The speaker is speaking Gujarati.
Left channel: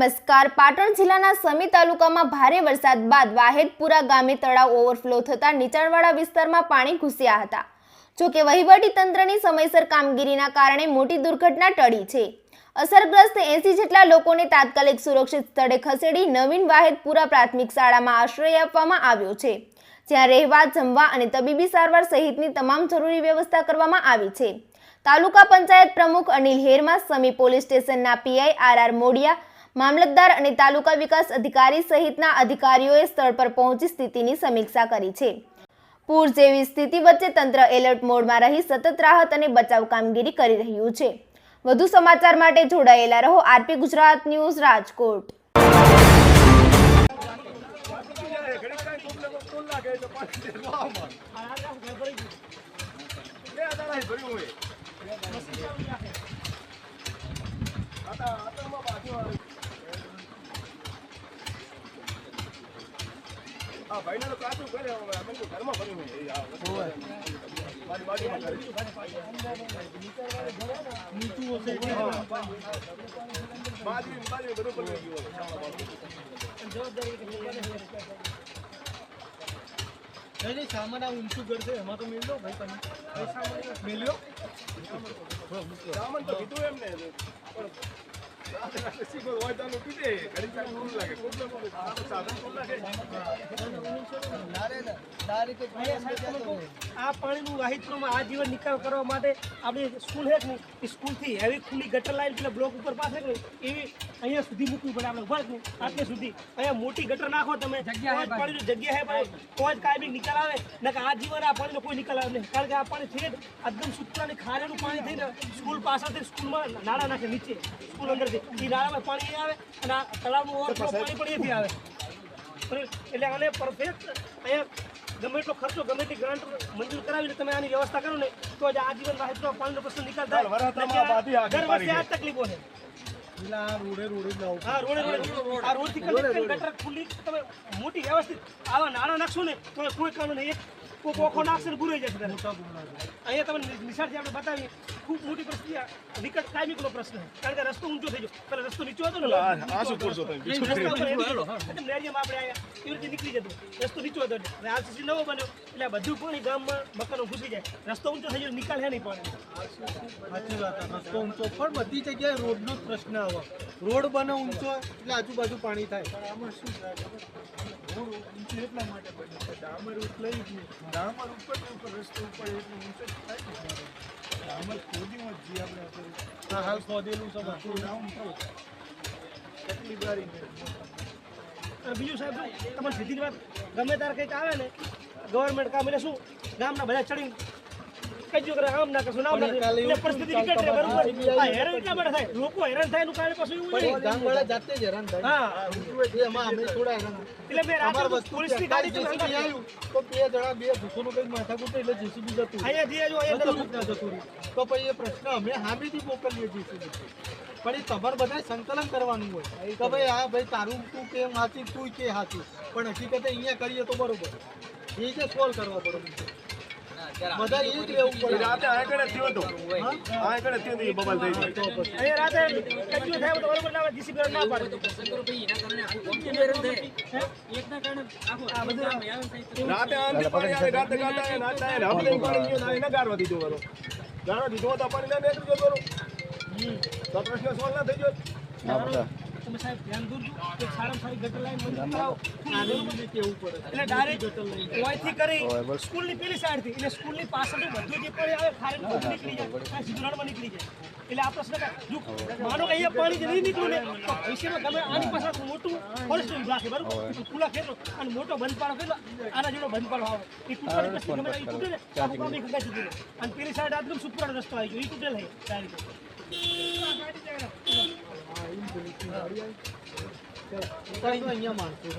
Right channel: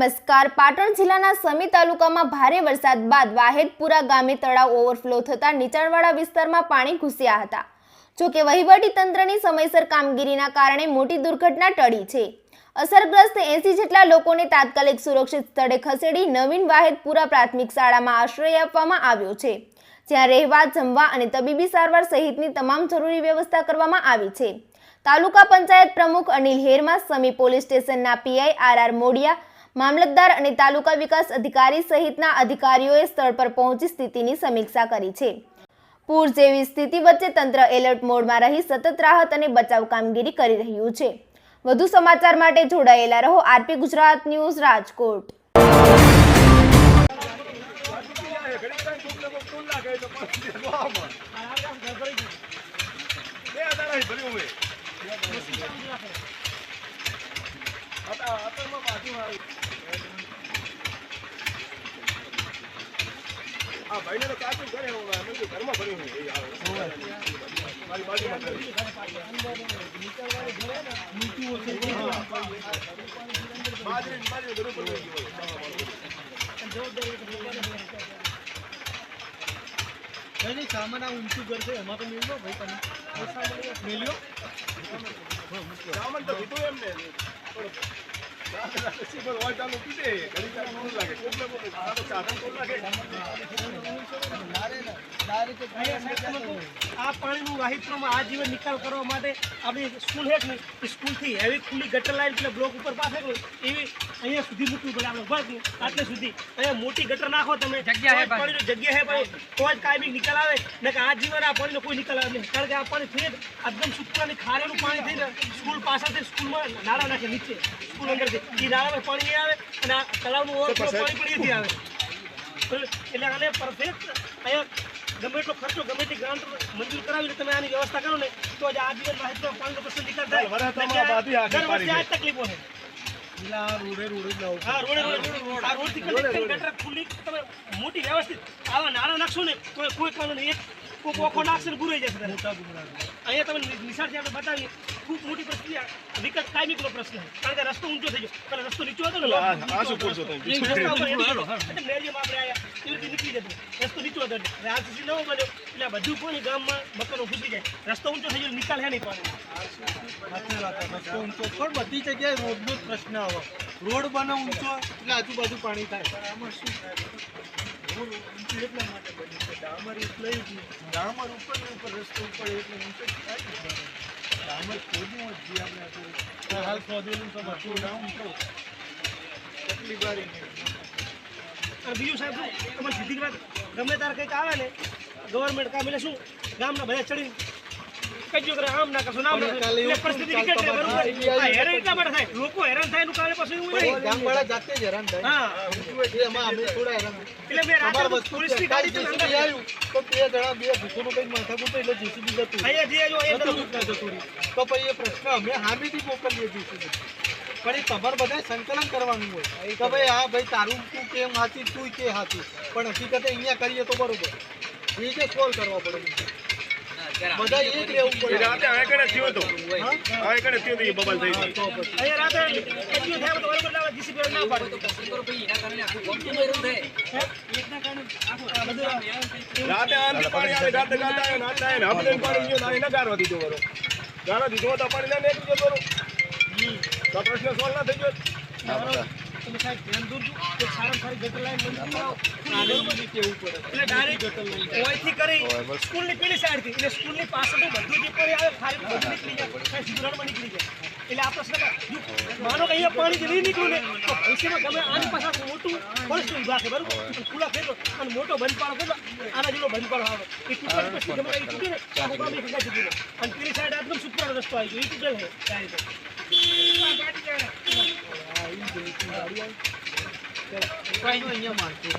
નમસ્કાર. પાટણ જિલ્લાના સમી તાલુકામાં ભારે વરસાદ બાદ વાહેદપુરા ગામે તળાવ ઓવરફ્લો થતા નીચાણવાળા વિસ્તારમાં પાણી ઘૂસ્યા હતા. જોકે વહીવટી તંત્રની સમયસર કામગીરીના કારણે મોટી દુર્ઘટના ટળી છે. અસરગ્રસ્ત 80 જેટલા લોકોને તાત્કાલિક સુરક્ષિત સ્થળે ખસેડી નવીન વાહેદપુરા પ્રાથમિક શાળામાં આશ્રય આપવામાં આવ્યો છે, જ્યાં રહેવા, જમવા અને તબીબી સારવાર સહિતની તમામ જરૂરી વ્યવસ્થા કરવામાં આવી છે. તાલુકા પંચાયત પ્રમુખ અનિલ હેરમા, સમી પોલીસ સ્ટેશનના પીઆઈ આર મોડિયા, મામલતદાર અને તાલુકા વિકાસ અધિકારી સહિતના અધિકારીઓએ સ્થળ પર પહોંચી સ્થિતિની સમીક્ષા કરી છે. પૂર જેવી સ્થિતિ વચ્ચે તંત્ર એલર્ટ મોડમાં રહી સતત રાહત અને બચાવ કામગીરી કરી રહ્યું છે. વધુ સમાચાર માટે જોડાયેલા રહો આરપી ગુજરાત ન્યૂઝ, રાજકોટ. ભાઈને તો ક્યાં કરે હવે ઘરમાં ભર્યું છે મારી બાજુમાં नहीं सामान आप ऊंचू करते हम तो मिल लो भाई तने मिल लो સામાન તો કીધું એમને સિમ્પલ હોય ચાલો કીધે ઘણી વાર નોંધ લાગે પ્રોબ્લેમ સાધન કોણ લાગે આ પાણીનું વાહિત્રમાં આજીવન નિકાલ કરવા માટે આપણી સ્કૂલ છે ને સ્કૂલથી હેવી ખુલ્લી ગટર લાઈન પેલા બ્લોક ઉપર પાસે એવી અહીંયા સુધી મૂકવું પડે આપણે બસ આટલે સુધી અહીંયા મોટી ગટર નાખો તમે પાણીની જગ્યા હે ભાઈ તો જ કાયમી નિકાલ આવે ને કે આજીવન આ પાણીનો કોઈ નિકાલ આવે નહીં, કારણ કે આ પાણી થઈ એકદમ સુકાની ખારેલું પાણી થઈને સ્કૂલ પાસેથી સ્કૂલમાં નાળા નાખે નીચે સ્કૂલ અંદરથી એ નાળામાં પાણી નહીં આવે અને આ તળાવનું ઓવરફ્લો પાણી પણ એથી આવે. એટલે આને પરફેક્ટ અહીંયા ગમે એટલો ખર્ચો ગમે તે ગ્રાન્ટ મંજૂર કરાવીને તમે આની વ્યવસ્થા કરો ને તો જ આજીવન વાહિદમાં પાણીનો પ્રશ્ન નિકાલ થાય. દર વર્ષે આ તકલીફો છે. ગટર ખુલ્લી તમે મોટી વ્યવસ્થિત આવા નાણાં નાખશો ને તો કોઈ કારણે નહીં, એક ઓખો નાખશે ને બુરાઈ જશે. અહીંયા તમે નિશાળથી આપણે બતાવીએ ખૂબ મોટી પરિસ્થિતિ વિકટ કાયમીનો પ્રશ્ન છે, કારણ કે રસ્તો ઊંચો થઈ ગયો. પેલા રસ્તો નીચો હતો ને મેરિયમ આપણે આવ્યા એવી રીતે નીકળી જતો, રસ્તો નીચો હતો એટલે આરસીસી નવો બન્યો એટલે આ બધું પાણી ગામમાં મકાનો ઘૂસી જાય. રસ્તો ઊંચો થઈ ગયો, નિકાલ હે નહીં પાણી. સાચી વાત, રસ્તો ઊંચો પણ બધી જગ્યાએ રોડનો જ પ્રશ્ન આવે. રોડ બને ઊંચો એટલે આજુબાજુ પાણી થાય. આમાં શું થાય, રોડ ઊંચું એટલા માટે બન્યું છે, ડામર એટલે જ નહીં, ડામર ઉપર રસ્તો ઉપર એટલે ઊંચો થાય. ડામર ખોદ્યું જ જે આપણે હાલ ખોદેલું છે બધું ડાઉન તો તકલીફ વાળી નહીં. બીજું સાહેબ તમારે સીધી વાત ગમે ત્યારે કંઈક આવે ને ગવર્મેન્ટ કામ એટલે શું ગામના બધા ચડીને કજ્યો કરે આમ ના કરશું નામ ના પરિસ્થિતિ વિકટ રહે. બરોબર, હેરાન એટલા માટે થાય, લોકો હેરાન થાય એનું કારણે પાછું એવું નહીં, ગામવાળા જાતે જ હેરાન થાય. હા એમાં અમે થોડા હેરાન એટલે મેં રાત્રે પોલીસની ગાડી જેસીબી આવ્યું તો બે જણા બે ભૂખોનું કંઈક માથાકૂટ એટલે જેસીબી જતું અહીંયા જે જો એ જતું રહ્યું. તો પછી એ પ્રશ્ન અમે સામેથી મોકલીએ જેસીબી, પણ એ તમારે બધા સંકલન કરવાનું હોય કે ભાઈ હા ભાઈ તારું તું કેમ સાચી તું કે સાચું, પણ હકીકતે અહીંયા કરીએ તો બરોબર એ જે સોલ્વ કરવા પડે બધા એ જ લેવું પડે. આ કડે થયો તો આ કડે થયો તો એ બબલ થઈ ગયો અહીંયા રાત્રે કજ્યો થાય તો બરોબર ના જીસીબી ના પાડે રાતે આંધી પાણી આવે ગાતે ગાતા આવે નાચતા આવે આપણે પાણી ગયો ના એને ગારવા દીધો બરો ગાળા દીધો તો પાણી લઈને નીકળી જતો બરો તો પ્રશ્ન સોલ્વ ના થઈ ગયો. તમે સાહેબ ધ્યાન દોરજો કે સારામાં સારી ગટર લાઈન મંજૂર કરાવો. કેવું પડે એટલે ડાયરેક્ટ ગટર લાઈન ઓયથી કરી સ્કૂલની પેલી સાઈડથી એટલે સ્કૂલની પાછળથી બધું જે પાણી આવે ખાલી બધું નીકળી જાય, સીધું નાળમાં નીકળી જાય. એટલે આ પ્રશ્ન માનો કે અહીંયા પાણી નહીં નીકળ્યું ને તો ભવિષ્યમાં ગમે આની પાછળ મોટું ફોરેસ્ટ વિભાગ છે બરાબર, ખુલ્લા ખેતરો અને મોટો બંધપાળો ખોલો આના જેવો બંધપાળો આવે એ તૂટવાની પછી ગમે એ તૂટીને તો આખું ગામ ખંડા તૂટી જાય. અને પેલી સાઈડ એકદમ સુપરાનો રસ્તો આવી ગયો એ તૂટેલ છે ત્યાં રીતે. અહીંયા માણસો